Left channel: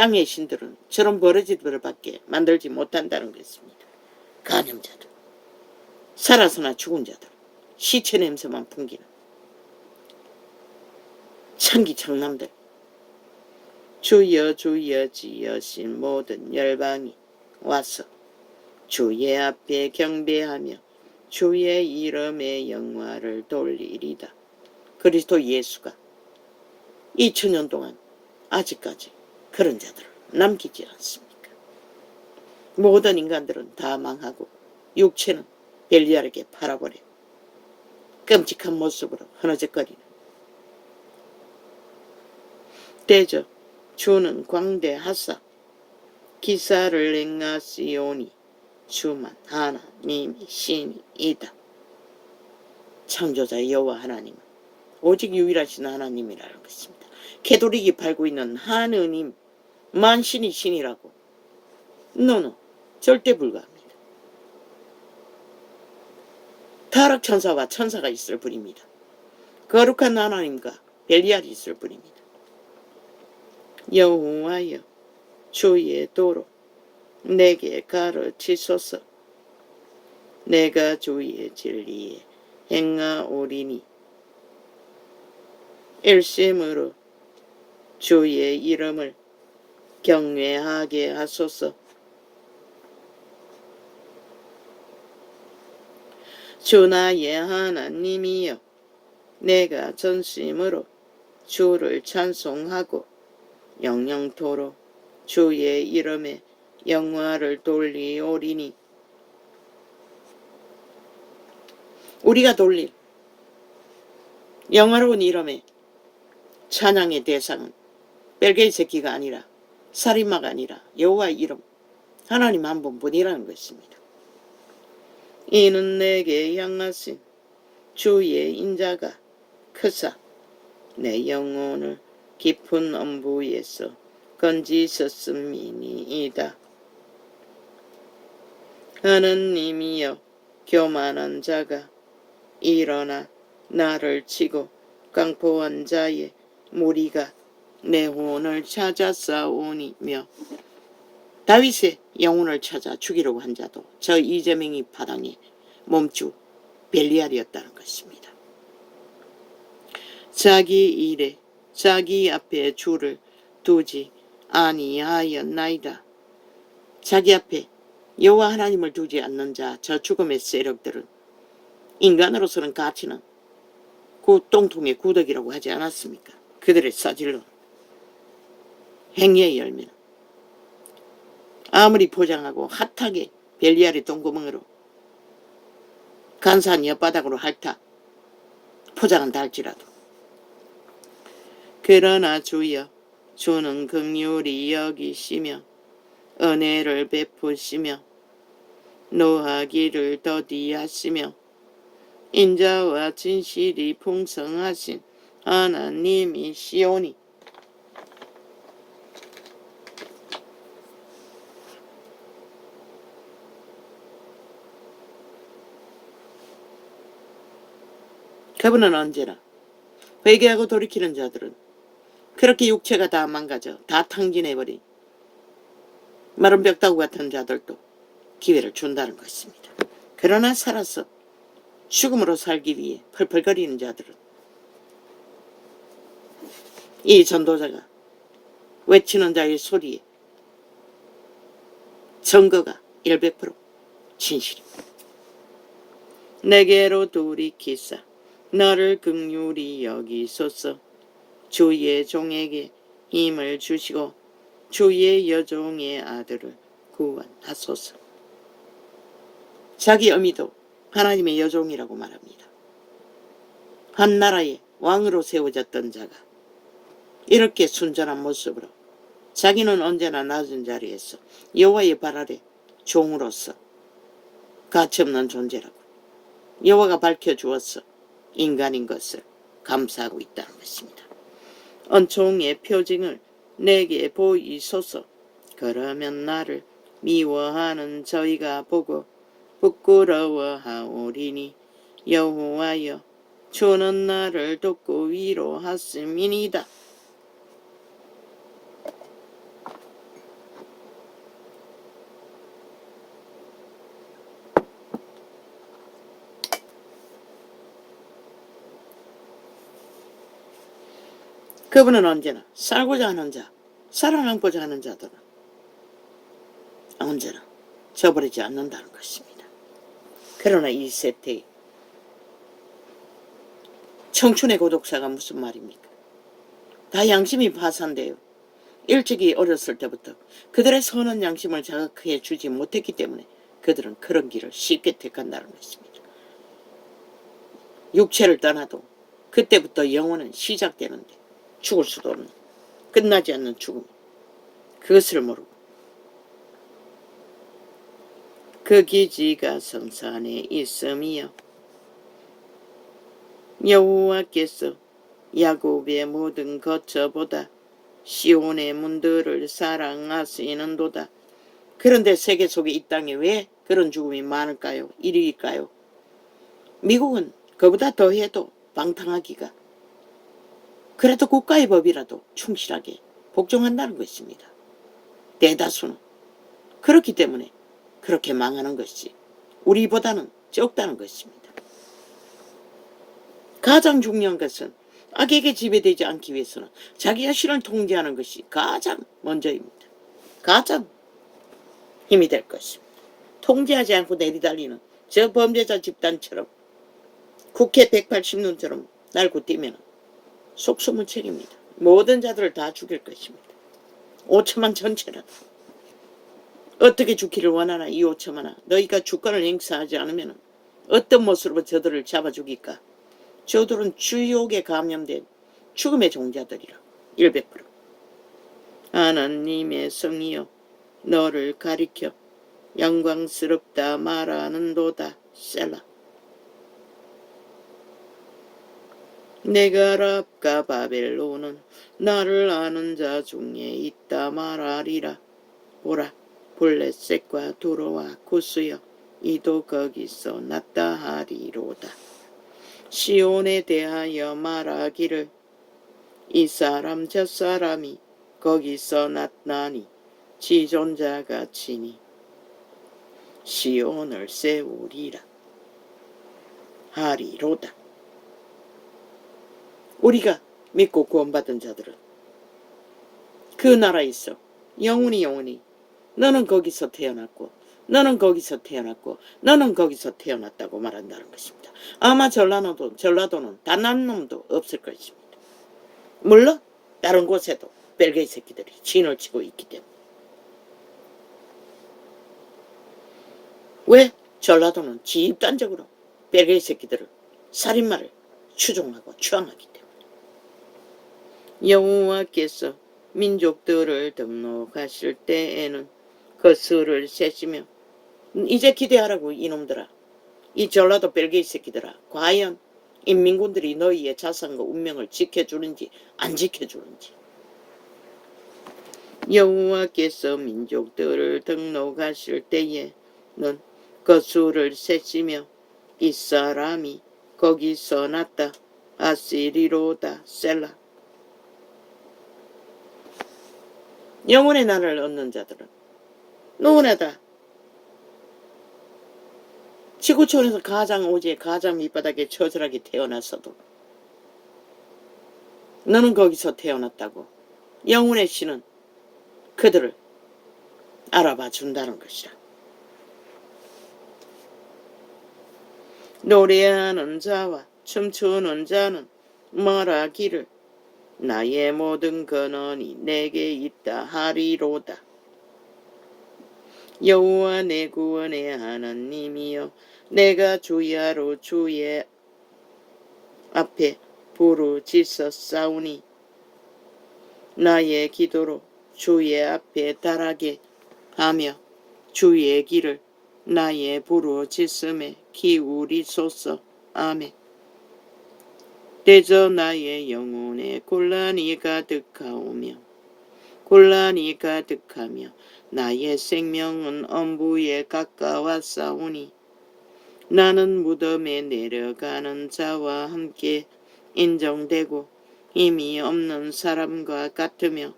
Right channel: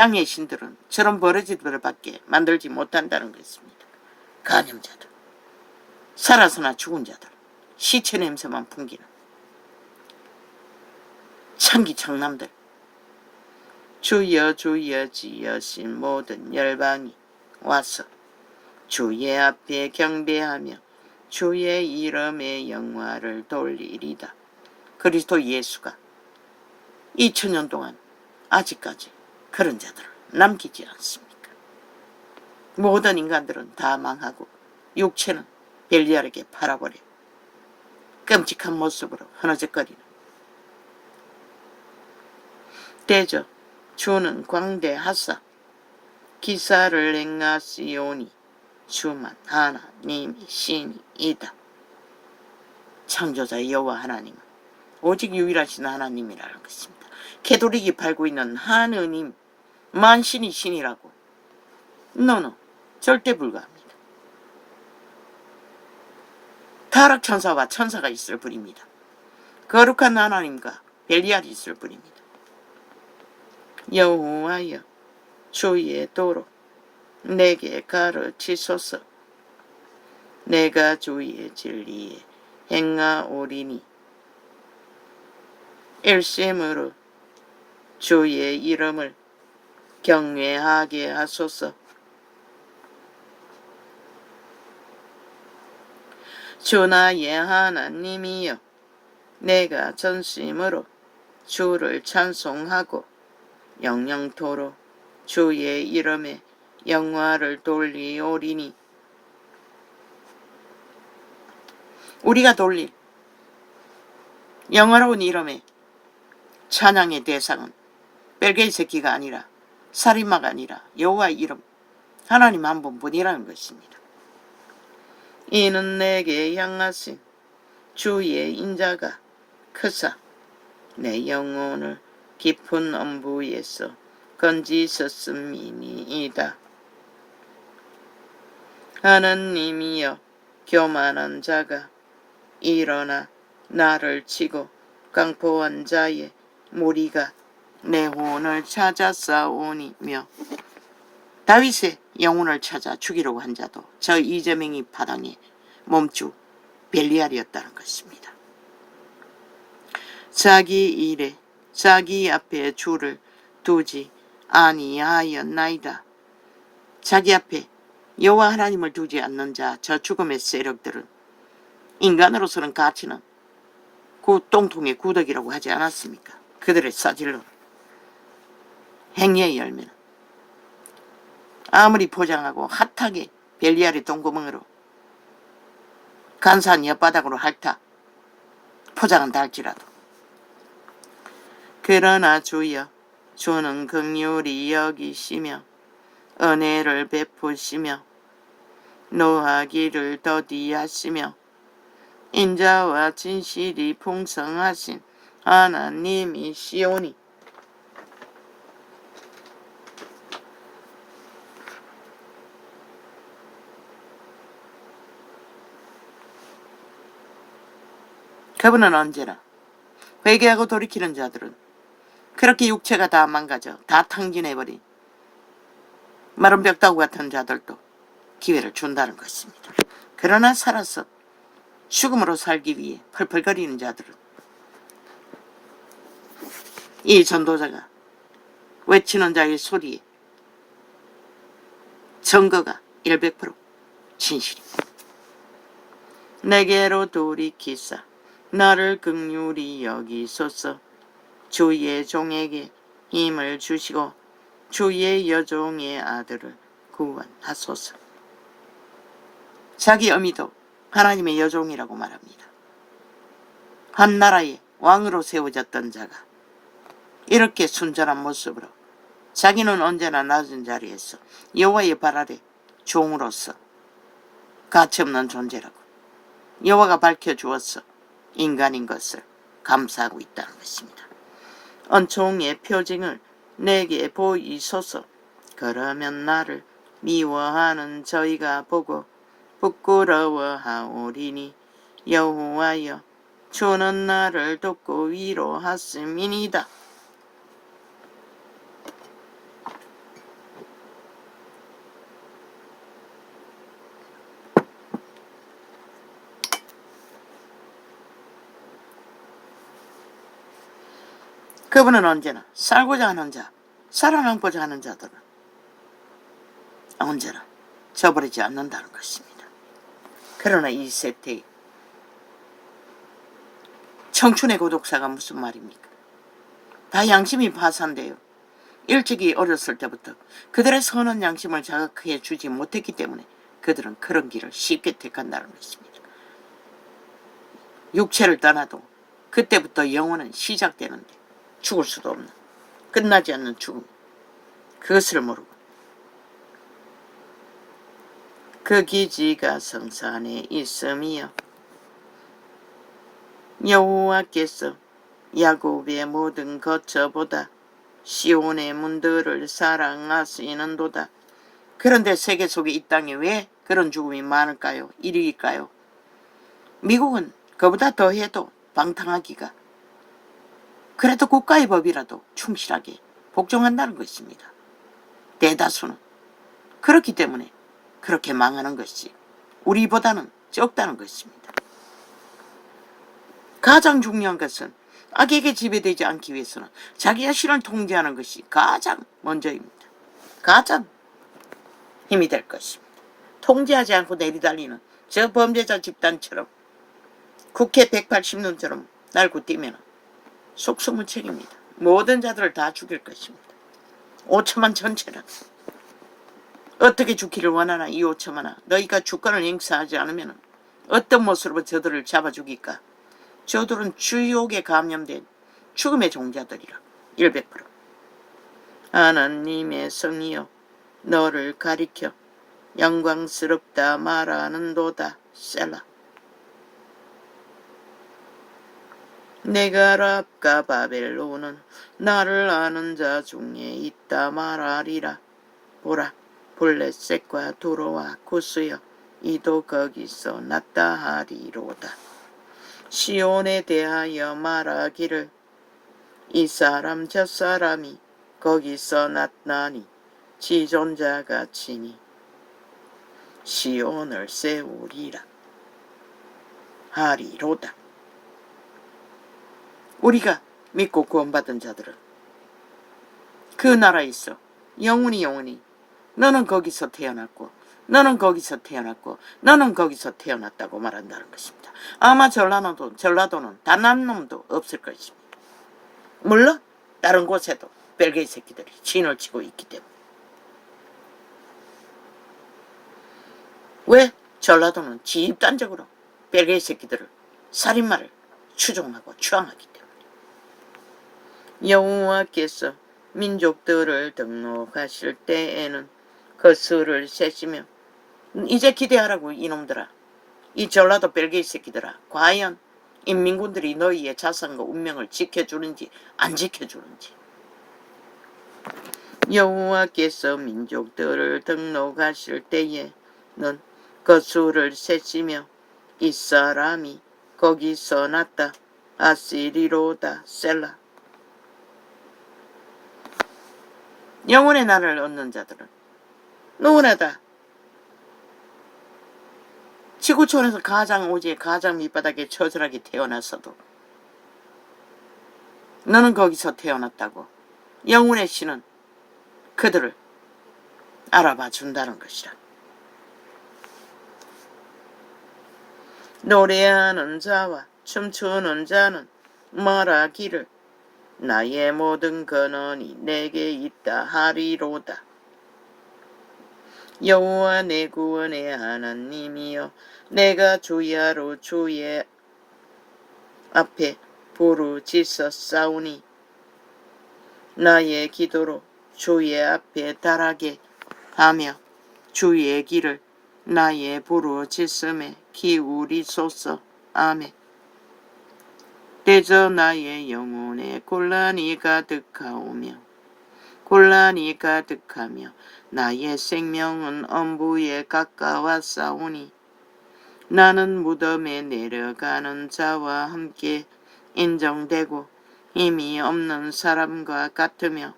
땅의 신들은 저런 버러지들밖에 만들지 못한다는 것입니다. 간염자들, 살아서나 죽은 자들, 시체 냄새만 풍기는 창기창남들, 주여 주여 지으신 모든 열방이 와서 주의 앞에 경배하며 주의 이름의 영화를 돌리리다. 그리스도 예수가 2000년 동안 아직까지 그런 자들을 남기지 않습니까? 모든 인간들은 다 망하고 육체는 벨리알에게 팔아버려 끔찍한 모습으로 흐느적거리는 대저 주는 광대하사 기사를 행하시오니 주만 하나님이 신이다. 창조자 여호와 하나님은 오직 유일하신 하나님이라는 것입니다. 캐톨릭이 팔고 있는 하느님, 만신이 신이라고 노노, 절대 불가합니다. 타락천사와 천사가 있을 뿐입니다. 거룩한 하나님과 벨리알이 있을 뿐입니다. 여호와여 주의 도로 내게 가르치소서. 내가 주의 진리에 행하오리니 일심으로 주의 이름을 경외하게 하소서. 주 나의 하나님이여 내가 전심으로 주를 찬송하고 영영토록 주의 이름에 영화를 돌리오리니. 우리가 돌릴 영화로운 이름의 찬양의 대상은 벨게이 새끼가 아니라 살인마가 아니라 여호와의 이름 하나님 한 분뿐이라는 것입니다. 이는 내게 향하신 주의 인자가 크사 내 영혼을 깊은 엄부에서 건지셨음이니이다. 하나님이여 교만한 자가 일어나 나를 치고 강포한 자의 무리가 내 혼을 찾아 싸우니며. 다윗의 영혼을 찾아 죽이려고 한 자도 저 이재명이 파당의 몸주 벨리알이었다는 것입니다. 자기 일에 자기 앞에 주를 두지 아니하였나이다. 자기 앞에 여호와 하나님을 두지 않는 자, 저 죽음의 세력들은 인간으로서는 가치는 그 똥통의 구덕이라고 하지 않았습니까? 그들의 싸질러 행위의 열매는 아무리 포장하고 핫하게 벨리알의 똥구멍으로 간사한 엿바닥으로 핥아 포장은 달지라도 그러나 주여 주는 긍휼히 여기시며 은혜를 베푸시며 노하기를 더디하시며 인자와 진실이 풍성하신 하나님이시오니. 그분은 언제나 회개하고 돌이키는 자들은 그렇게 육체가 다 망가져 다 탕진해버린 마른 벽다구 같은 자들도 기회를 준다는 것입니다. 그러나 살아서 죽음으로 살기 위해 펄펄거리는 자들은 이 전도자가 외치는 자의 소리에 증거가 100% 진실입니다. 내게로 돌이키사 나를 긍휼히 여기소서. 주의 종에게 힘을 주시고 주의 여종의 아들을 구원하소서. 자기 어미도 하나님의 여종이라고 말합니다. 한 나라의 왕으로 세워졌던 자가 이렇게 순전한 모습으로 자기는 언제나 낮은 자리에서 여호와의 발 아래 종으로서 가치없는 존재라고 여호와가 밝혀주어서 인간인 것을 감사하고 있다는 것입니다. 은총의 표징을 내게 보이소서. 그러면 나를 미워하는 저희가 보고 부끄러워하오리니. 여호와여 주는 나를 돕고 위로하심이니이다. 그분은 언제나 살고자 하는 자, 살아남고자 하는 자들은 언제나 저버리지 않는다는 것입니다. 그러나 이 세태에 청춘의 고독사가 무슨 말입니까? 다 양심이 파산돼요. 일찍이 어렸을 때부터 그들의 선한 양심을 자극해 주지 못했기 때문에 그들은 그런 길을 쉽게 택한다는 것입니다. 육체를 떠나도 그때부터 영혼은 시작되는데 죽을 수도 없는, 끝나지 않는 죽음, 그것을 모르고 그 기지가 성산에 있음이여 여호와께서 야곱의 모든 거처보다 시온의 문들을 사랑하시는도다. 그런데 세계 속에 이 땅에 왜 그런 죽음이 많을까요? 일일까요? 미국은 그보다 더해도 방탕하기가, 그래도 국가의 법이라도 충실하게 복종한다는 것입니다. 대다수는 그렇기 때문에 그렇게 망하는 것이 우리보다는 적다는 것입니다. 가장 중요한 것은 악에게 지배되지 않기 위해서는 자기 자신을 통제하는 것이 가장 먼저입니다. 가장 힘이 될 것입니다. 통제하지 않고 내리달리는 저 범죄자 집단처럼 국회 180년처럼 날고 뛰면 속수무 책입니다. 모든 자들을 다 죽일 것입니다. 5천만 전체는 어떻게 죽기를 원하나. 이 5천만아, 너희가 주권을 행사하지 않으면 어떤 모습으로 저들을 잡아 죽일까? 저들은 주욕에 감염된 죽음의 종자들이라. 100%. 하나님의 성이여 너를 가리켜 영광스럽다 말하는도다. 셀라. 네가랍과 바벨론은 나를 아는 자 중에 있다 말하리라. 보라, 블레셋과 두로와 구스여 이도 거기서 났다 하리로다. 시온에 대하여 말하기를 이 사람 저 사람이 거기서 났나니 지존자가 치니 시온을 세우리라 하리로다. 우리가 믿고 구원받은 자들은 그 나라에서 영원히 너는 거기서 태어났고 너는 거기서 태어났고 너는 거기서 태어났다고 말한다는 것입니다. 아마 전라도는 단 한 놈도 없을 것입니다. 물론 다른 곳에도 벨기에 새끼들이 진을 치고 있기 때문에. 왜? 전라도는 집단적으로 벨기에 새끼들을, 살인마를 추종하고 추앙하기 때문에. 여호와께서 민족들을 등록하실 때에는 그 수를 세시며, 이제 기대하라고 이놈들아, 이 전라도 벨기에 새끼들아, 과연 인민군들이 너희의 자산과 운명을 지켜주는지 안 지켜주는지. 여호와께서 민족들을 등록하실 때에는 그 수를 세시며 이 사람이 거기서 났다 아시리로다. 셀라. 영혼의 나를 얻는 자들은 누구나 다 지구촌에서 가장 오지에 가장 밑바닥에 처절하게 태어났어도 너는 거기서 태어났다고 영혼의 신은 그들을 알아봐 준다는 것이라. 노래하는 자와 춤추는 자는 말하기를 나의 모든 근원이 내게 있다 하리로다. 여호와 내 구원의 하나님이여 내가 주야로 주의 앞에 부르짖었사오니 나의 기도로 주의 앞에 달하게 하며 주의 길을 나의 부르짖음에 기울이소서. 아멘. 대저 나의 영혼에 곤란이 가득하며 나의 생명은 엄부에 가까웠사오니 나는 무덤에 내려가는 자와 함께 인정되고 힘이 없는 사람과 같으며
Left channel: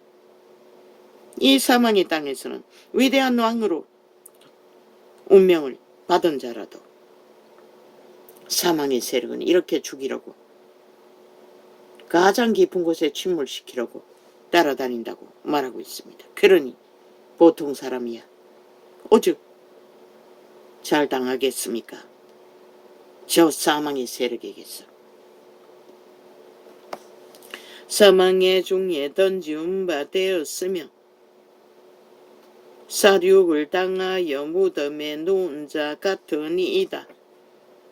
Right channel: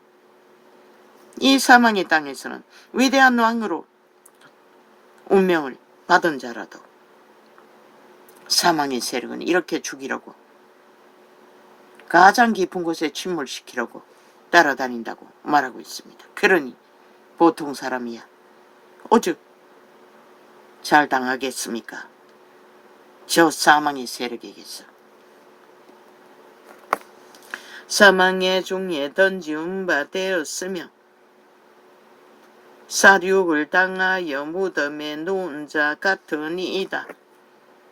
이 사망의 땅에서는 위대한 왕으로 운명을 받은 자라도 사망의 세력은 이렇게 죽이려고 가장 깊은 곳에 침몰시키려고 따라다닌다고 말하고 있습니다. 그러니 보통 사람이야 오죽 잘 당하겠습니까? 저 사망의 세력에게서. 사망의 종에 던지운 바 되었으며 사륙을 당하여 무덤에 누운 자 같으니이다.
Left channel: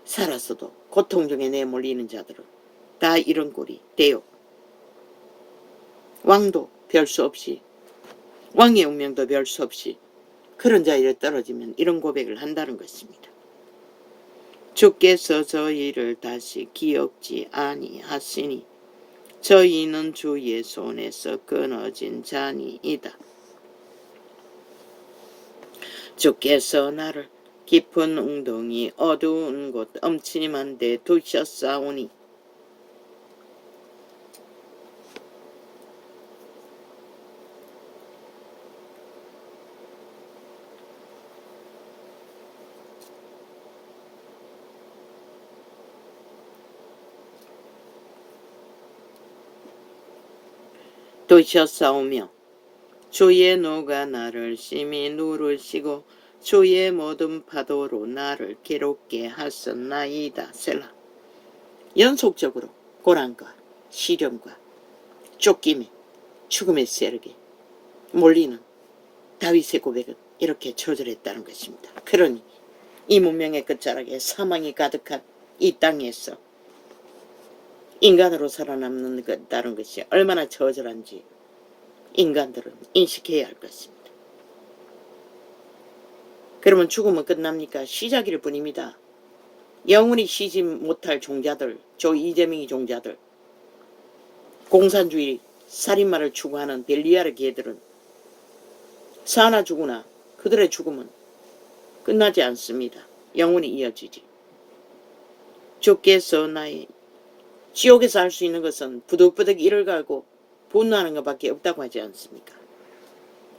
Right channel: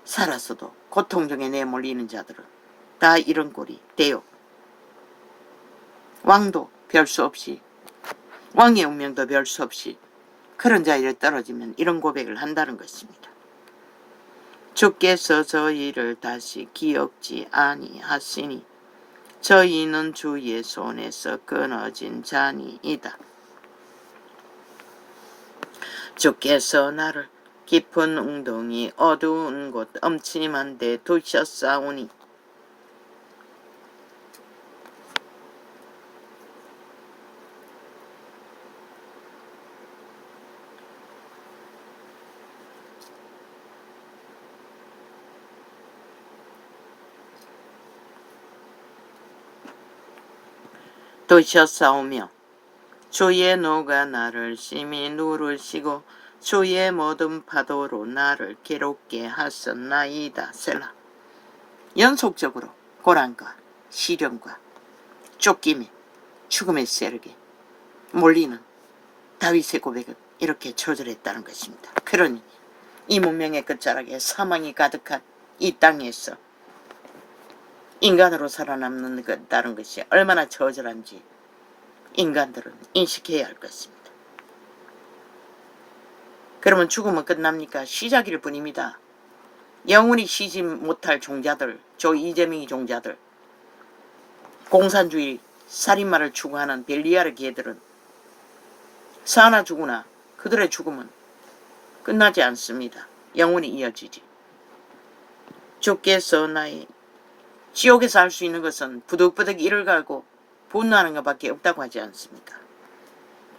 살아서도 고통 중에 내몰리는 자들은 다 이런 꼴이 되요. 왕도 별 수 없이, 왕의 운명도 별 수 없이 그런 자리에 떨어지면 이런 고백을 한다는 것입니다. 주께서 저희를 다시 기억지 아니하시니 저희는 주의 손에서 끊어진 자니이다. 주께서 나를 깊은 웅덩이 어두운 곳 엄침한 데 두셨사오니 두셨사오며 주의 노가 나를 심히 누르시고 주의 모든 파도로 나를 괴롭게 하셨나이다. 셀라. 연속적으로 고난과 시련과 쫓김에 죽음의 세력에 몰리는 다윗의 고백은 이렇게 처절했다는 것입니다. 그러니 이 문명의 끝자락에 사망이 가득한 이 땅에서 인간으로 살아남는다는 것이 얼마나 처절한지 인간들은 인식해야 할 것입니다. 그러면 죽으면 끝납니까? 시작일 뿐입니다. 영원히 쉬지 못할 종자들, 저 이재명이 종자들, 공산주의 살인마를 추구하는 벨리아르 개들은 사나 죽으나 그들의 죽음은 끝나지 않습니다. 영원히 이어지지. 주께서 나의 지옥에서 할 수 있는 것은 부득부득 이를 갈고 분노하는 것밖에 없다고 하지 않습니까?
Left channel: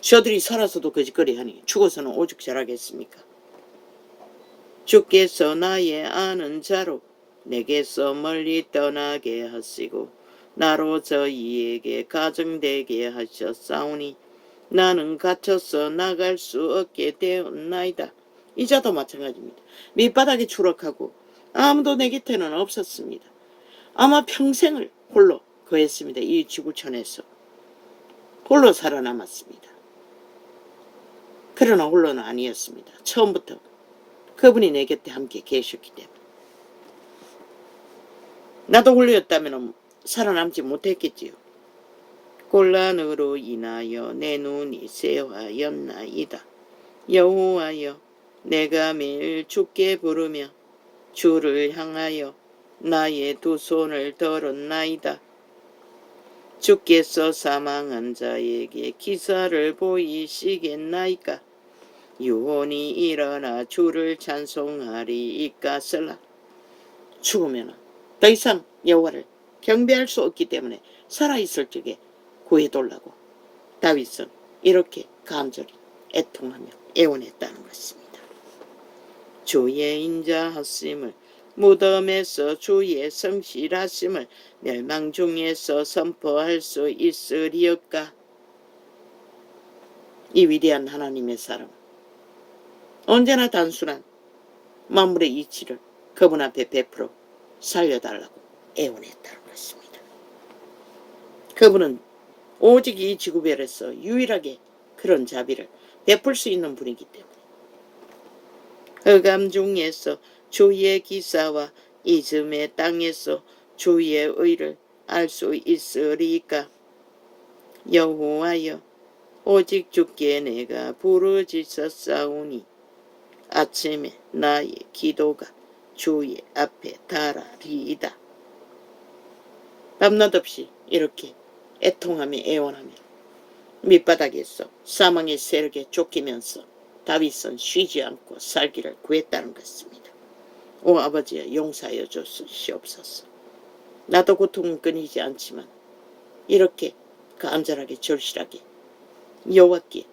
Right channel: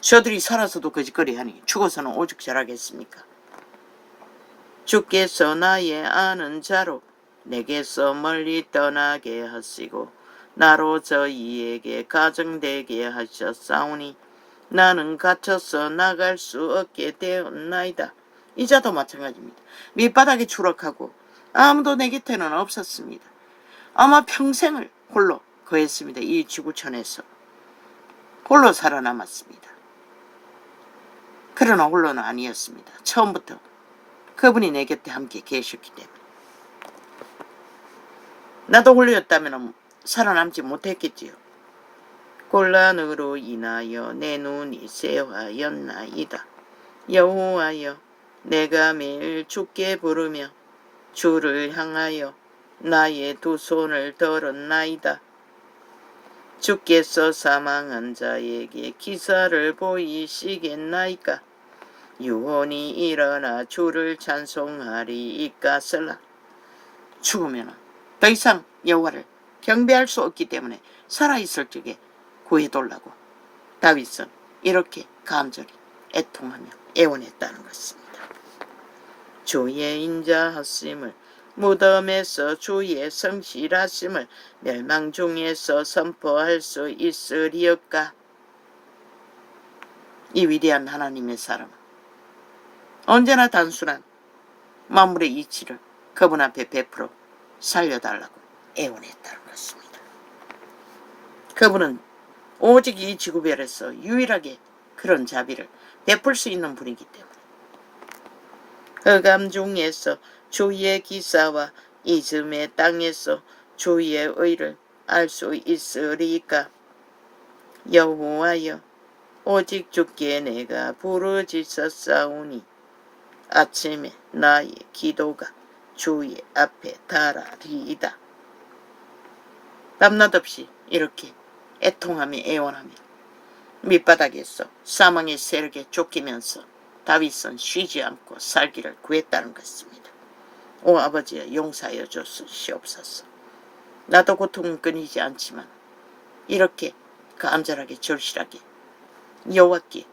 저들이 살아서도 거짓거리하니 죽어서는 오죽 잘하겠습니까? 주께서 나의 아는 자로 내게서 멀리 떠나게 하시고 나로 저희에게 가정되게 하셨사오니 나는 갇혀서 나갈 수 없게 되었나이다. 이 자도 마찬가지입니다. 밑바닥에 추락하고 아무도 내 곁에는 없었습니다. 아마 평생을 홀로 거했습니다. 이 지구촌에서 홀로 살아남았습니다. 그러나 홀로는 아니었습니다. 처음부터 그분이 내 곁에 함께 계셨기 때문에. 나도 홀로였다면 살아남지 못했겠지요. 곤란으로 인하여 내 눈이 쇠하였나이다. 여호와여, 내가 매일 주께 부르며 주를 향하여 나의 두 손을 들었나이다. 주께서 사망한 자에게 기사를 보이시겠나이까? 유언이 일어나 주를 찬송하리이까슬라. 죽으면 더 이상 여호와를 경배할 수 없기 때문에 살아있을 적에 구해달라고 다윗은 이렇게 간절히 애통하며 애원했다는 것입니다. 주의 인자하심을, 무덤에서 주의 성실하심을 멸망 중에서 선포할 수 있으리까? 이 위대한 하나님의 사랑은 언제나 단순한 만물의 이치를 그분 앞에 베풀어 살려달라고 애원했다는 것입니다. 그분은 오직 이 지구별에서 유일하게 그런 자비를 베풀 수 있는 분이기 때문에 흑암 중에서 주의 기사와 이즘의 땅에서 주의 의를 알 수 있으리까? 여호와여, 오직 주께 내가 부르짖었사오니 아침에 나의 기도가 주의 앞에 달하리이다. 밤낮 없이 이렇게 애통하며 애원하며 밑바닥에서 사망의 세력에 쫓기면서 다윗은 쉬지 않고 살기를 구했다는 것입니다. 오 아버지여, 용서하여 주시옵소서. 나도 고통은 끊이지 않지만 이렇게 간절하게 절실하게 여호와께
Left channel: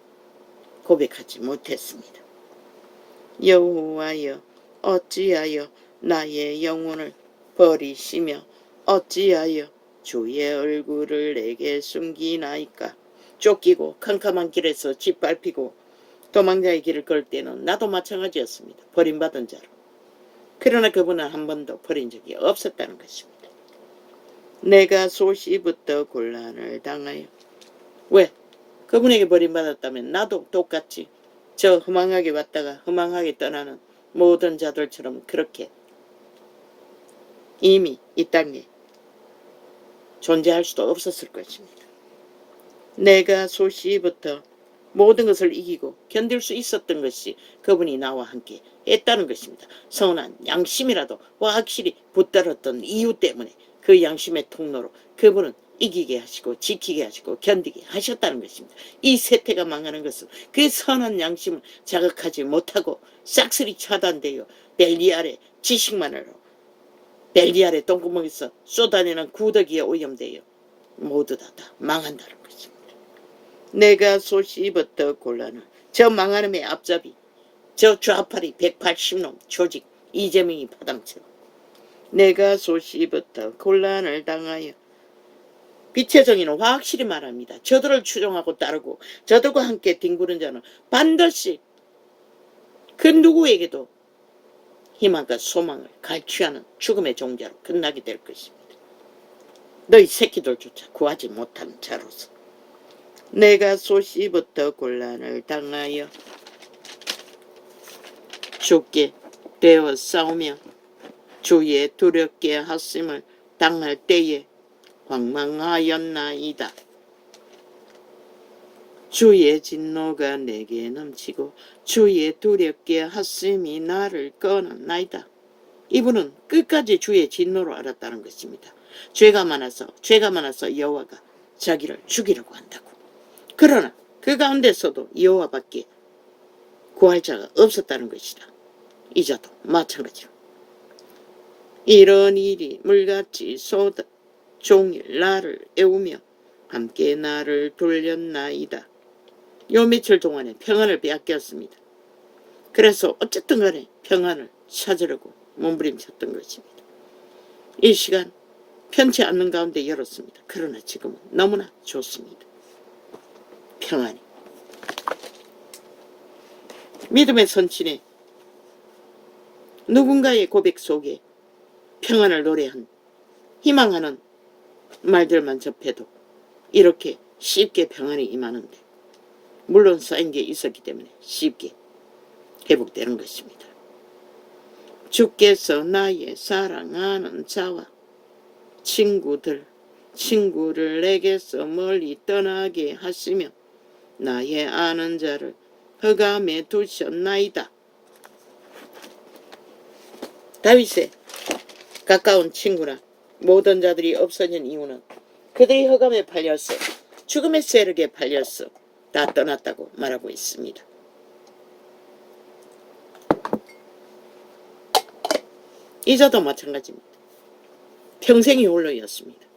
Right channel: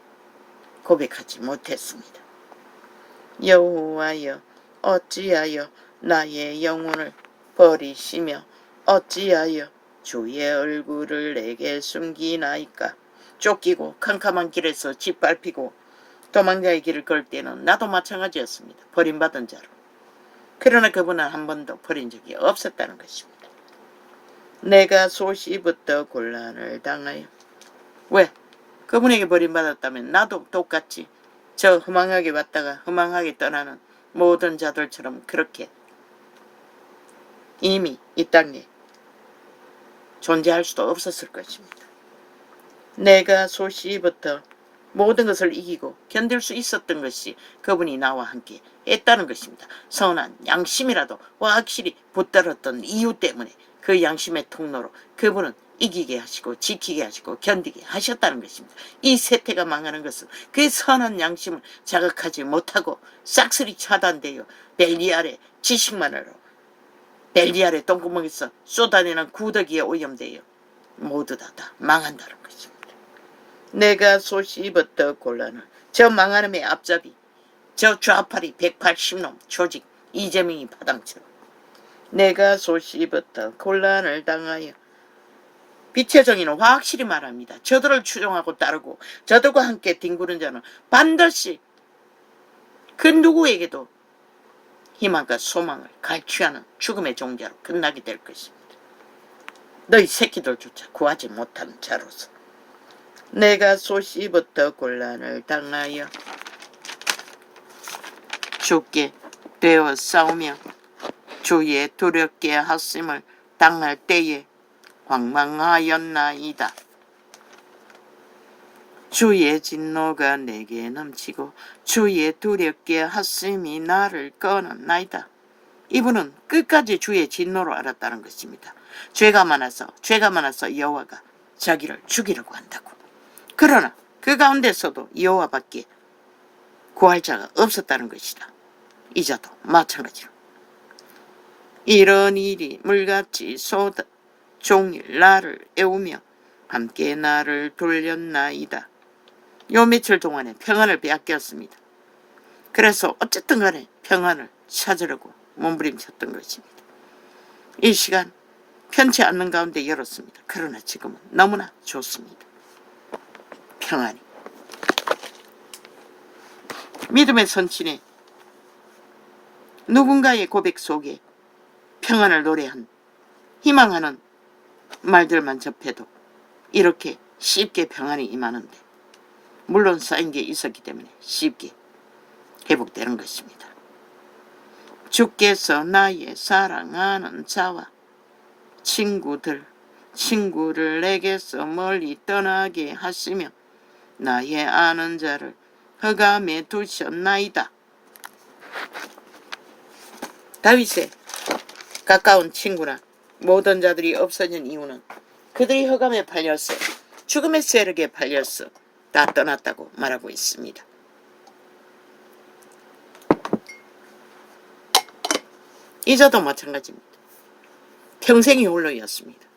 고백하지 못했습니다. 여호와여, 어찌하여 나의 영혼을 버리시며 어찌하여 주의 얼굴을 내게 숨기나이까. 쫓기고 캄캄한 길에서 짓밟히고 도망자의 길을 걸 때는 나도 마찬가지였습니다. 버림받은 자로. 그러나 그분은 한 번도 버린 적이 없었다는 것입니다. 내가 소시부터 곤란을 당하여. 왜? 그분에게 버림받았다면 나도 똑같이 저 허망하게 왔다가 허망하게 떠나는 모든 자들처럼 그렇게 이미 이 땅에 존재할 수도 없었을 것입니다. 내가 소시부터 모든 것을 이기고 견딜 수 있었던 것이 그분이 나와 함께 했다는 것입니다. 선한 양심이라도 확실히 붙들었던 이유 때문에 그 양심의 통로로 그분은 이기게 하시고 지키게 하시고 견디게 하셨다는 것입니다. 이 세태가 망하는 것은 그 선한 양심을 자극하지 못하고 싹쓸이 차단되어 벨리알의 지식만으로 벨리알의 똥구멍에서 쏟아내는 구더기에 오염되어 모두 다 망한다는 것입니다. 내가 소시부터 곤란을 저 망하는의 앞잡이 저 좌팔이 180놈 조직 이재명이 파당처럼 내가 소시부터 곤란을 당하여 빛의 정의는 확실히 말합니다. 저들을 추종하고 따르고 저들과 함께 뒹구는 자는 반드시 그 누구에게도 희망과 소망을 갈취하는 죽음의 종자로 끝나게 될 것입니다. 너희 새끼들조차 구하지 못하는 자로서 내가 소시부터 곤란을 당하여 죽게 되어 싸우며 주의 두렵게 하심을 당할 때에 황망하였나이다. 주의 진노가 내게 넘치고 주의 두렵게 하심이 나를 끊었나이다. 이분은 끝까지 주의 진노로 알았다는 것입니다. 죄가 많아서 여호와가 자기를 죽이려고 한다고. 그러나 그 가운데서도 여호와밖에 구할 자가 없었다는 것이다. 이자도 마찬가지로. 이런 일이 물같이 쏟아 종일 나를 애우며 함께 나를 돌렸나이다. 요 며칠 동안에 평안을 빼앗겼습니다. 그래서 어쨌든 간에 평안을 찾으려고 몸부림쳤던 것입니다. 이 시간 편치 않는 가운데 열었습니다. 그러나 지금은 너무나 좋습니다. 평안이. 믿음의 선친에 누군가의 고백 속에 평안을 노래한 희망하는 말들만 접해도 이렇게 쉽게 평안이 임하는데 물론 쌓인 게 있었기 때문에 쉽게 회복되는 것입니다. 주께서 나의 사랑하는 자와 친구를 내게서 멀리 떠나게 하시며 나의 아는 자를 흑암에 두셨나이다. 다윗의 가까운 친구나 모든 자들이 없어진 이유는 그들이 흑암에 팔렸어 죽음의 세력에 팔렸어 다 떠났다고 말하고 있습니다. 이자도 마찬가지입니다. 평생이 홀로였습니다.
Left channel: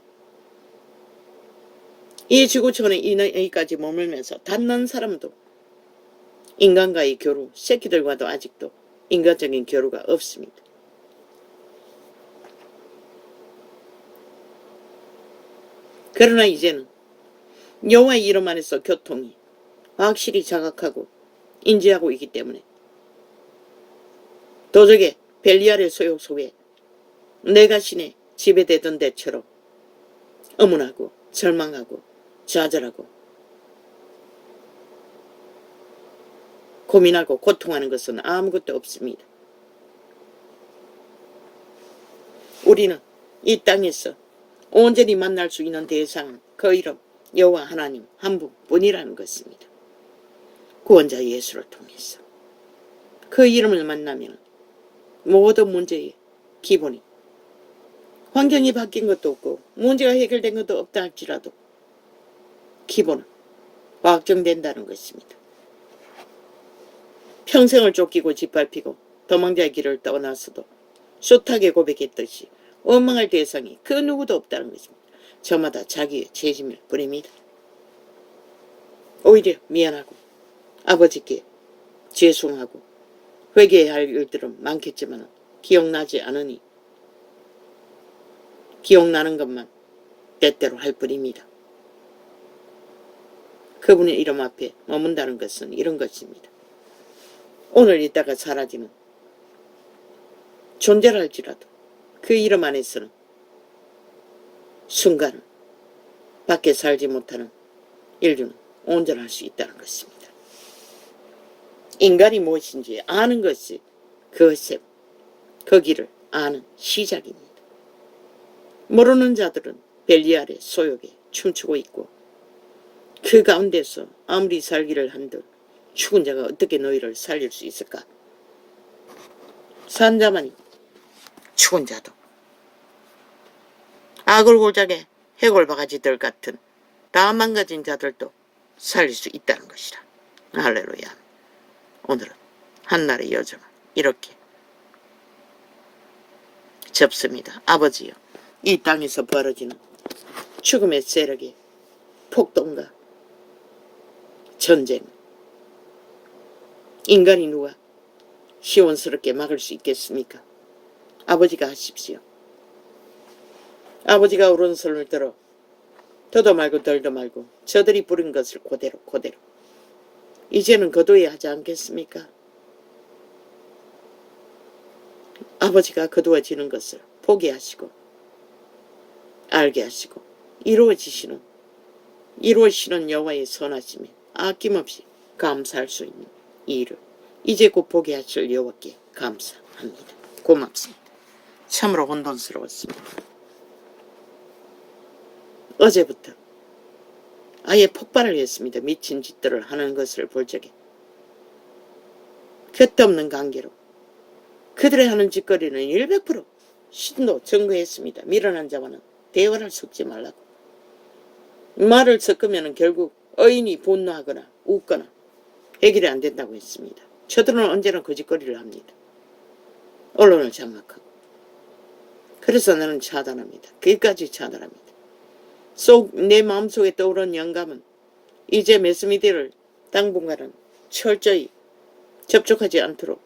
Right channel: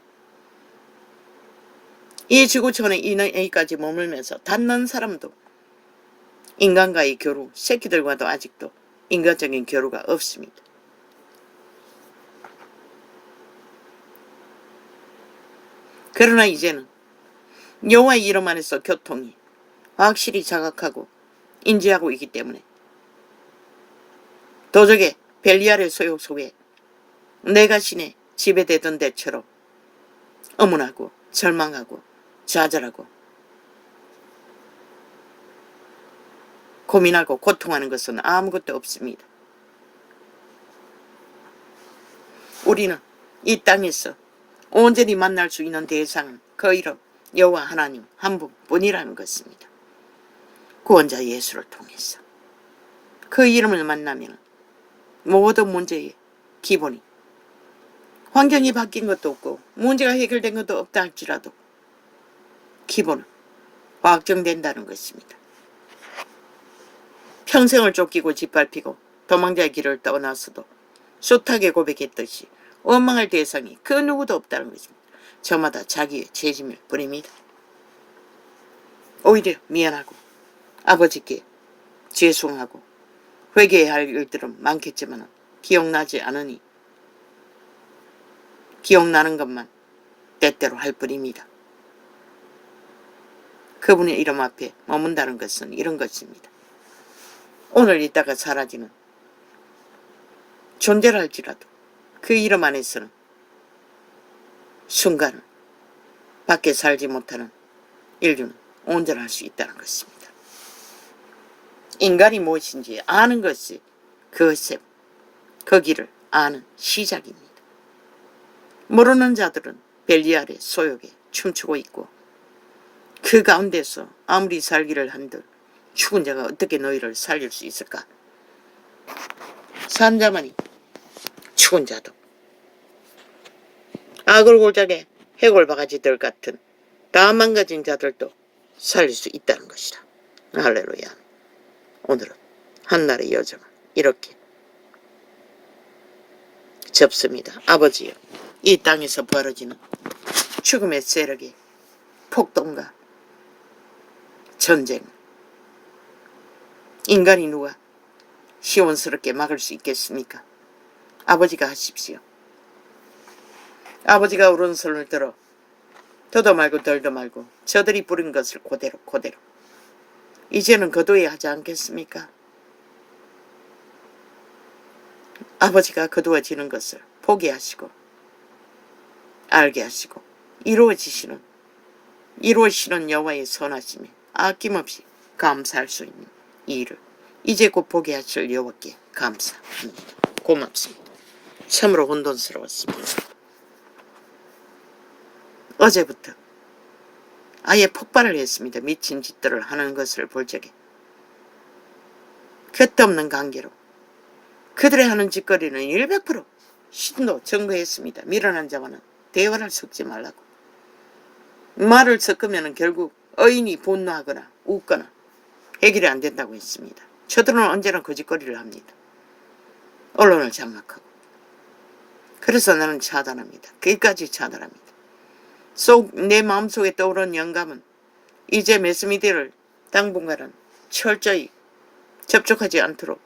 이 지구촌에 이까지 머물면서 닿는 사람도 인간과의 교류, 새끼들과도 아직도 인간적인 교류가 없습니다. 그러나 이제는 여호와의 이름 안에서 교통이 확실히 자각하고 인지하고 있기 때문에 도적의 벨리알의 소욕 속에 내가 신에 지배되던 데처럼 어문하고 절망하고 좌절하고 고민하고 고통하는 것은 아무것도 없습니다. 우리는 이 땅에서 온전히 만날 수 있는 대상은 그 이름 여호와 하나님 한 분뿐이라는 것입니다. 구원자 예수를 통해서 그 이름을 만나면 모든 문제의 기본이 환경이 바뀐 것도 없고 문제가 해결된 것도 없다 할지라도 기본은 확정된다는 것입니다. 평생을 쫓기고 짓밟히고 도망자의 길을 떠나서도 숱하게 고백했듯이 원망할 대상이 그 누구도 없다는 것입니다. 저마다 자기의 죄짐을 부립니다. 오히려 미안하고 아버지께 죄송하고 회개해야 할 일들은 많겠지만 기억나지 않으니 기억나는 것만 때때로 할 뿐입니다. 그분의 이름 앞에 머문다는 것은 이런 것입니다. 오늘 있다가 사라지는 존재를 할지라도 그 이름 안에서는 순간을 밖에 살지 못하는 인류는 온전할 수 있다는 것입니다. 인간이 무엇인지 아는 것이 그것의 그 길을 아는 시작입니다. 모르는 자들은 벨리알의 소욕에 춤추고 있고 그 가운데서 아무리 살기를 한들 죽은 자가 어떻게 너희를 살릴 수 있을까? 산 자만이 죽은 자도 아골골작의 해골바가지들 같은 다 망가진 자들도 살릴 수 있다는 것이라. 할렐루야. 오늘은 한날의 여정을 이렇게 접습니다. 아버지여, 이 땅에서 벌어지는 죽음의 세력의 폭동과 전쟁, 인간이 누가 시원스럽게 막을 수 있겠습니까? 아버지가 하십시오. 아버지가 오른손을 들어 더도 말고 덜도 말고 저들이 부린 것을 그대로 이제는 거두어야 하지 않겠습니까? 아버지가 거두어지는 것을 보게 하시고 알게 하시고 이루어지시는 여호와의 선하심에 아낌없이 감사할 수 있는 이 일을 이제 곧 보게 하실 여호와께 감사합니다. 고맙습니다. 참으로 혼돈스러웠습니다. 어제부터 아예 폭발을 했습니다. 미친 짓들을 하는 것을 볼 적에 곁없는 관계로 그들의 하는 짓거리는 100% 신도 증거했습니다. 미련한 자와는 대화를 섞지 말라고. 말을 섞으면 결국 어인이 분노하거나 웃거나 해결이 안 된다고 했습니다. 저들은 언제나 거짓거리를 합니다. 언론을 장악하고. 그래서 나는 차단합니다. 끝까지 차단합니다. 내 마음속에 떠오른 영감은 이제 매스미디어를 당분간은 철저히 접촉하지 않도록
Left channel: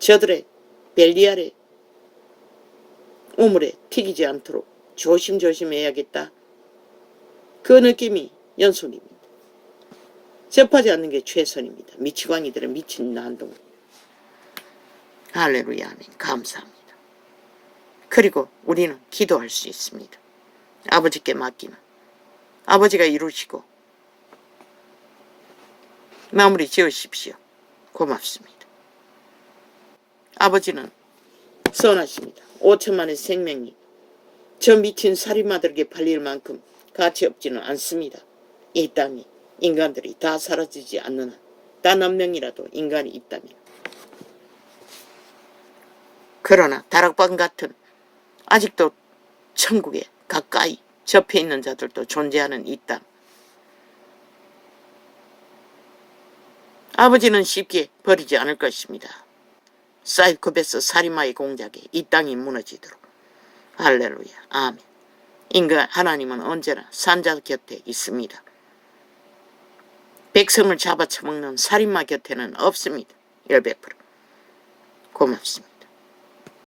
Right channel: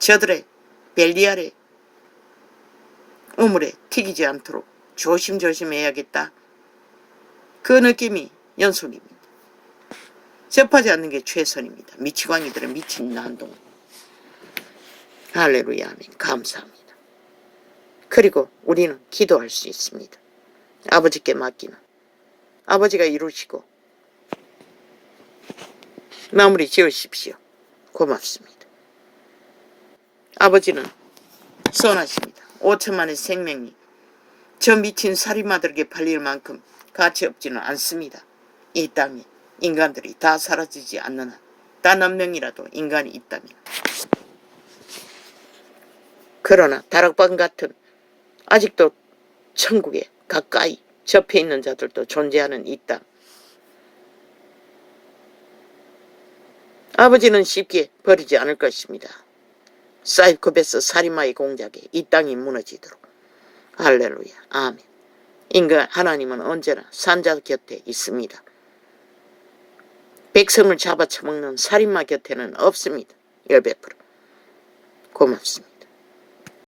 저들의 벨리알의 우물에 튀기지 않도록 조심해야겠다. 그 느낌이 연속입니다. 접하지 않는 게 최선입니다. 미치광이들은 미친 난동. 할렐루야 아멘. 감사합니다. 그리고 우리는 기도할 수 있습니다. 아버지께 맡기는 아버지가 이루시고 마무리 지으십시오. 고맙습니다. 아버지는 선하십니다. 5천만의 생명이 저 미친 살인마들에게 팔릴 만큼 가치 없지는 않습니다. 이 땅에 인간들이 다 사라지지 않는 한 단 한 명이라도 인간이 있다면. 그러나 다락방 같은 아직도 천국에 가까이 접해 있는 자들도 존재하는 이 땅. 아버지는 쉽게 버리지 않을 것입니다. 사이코패스 살인마의 공작에 이 땅이 무너지도록. 할렐루야. 아멘. 인간 하나님은 언제나 산자 곁에 있습니다. 백성을 잡아쳐먹는 살인마 곁에는 없습니다. 100%. 고맙습니다.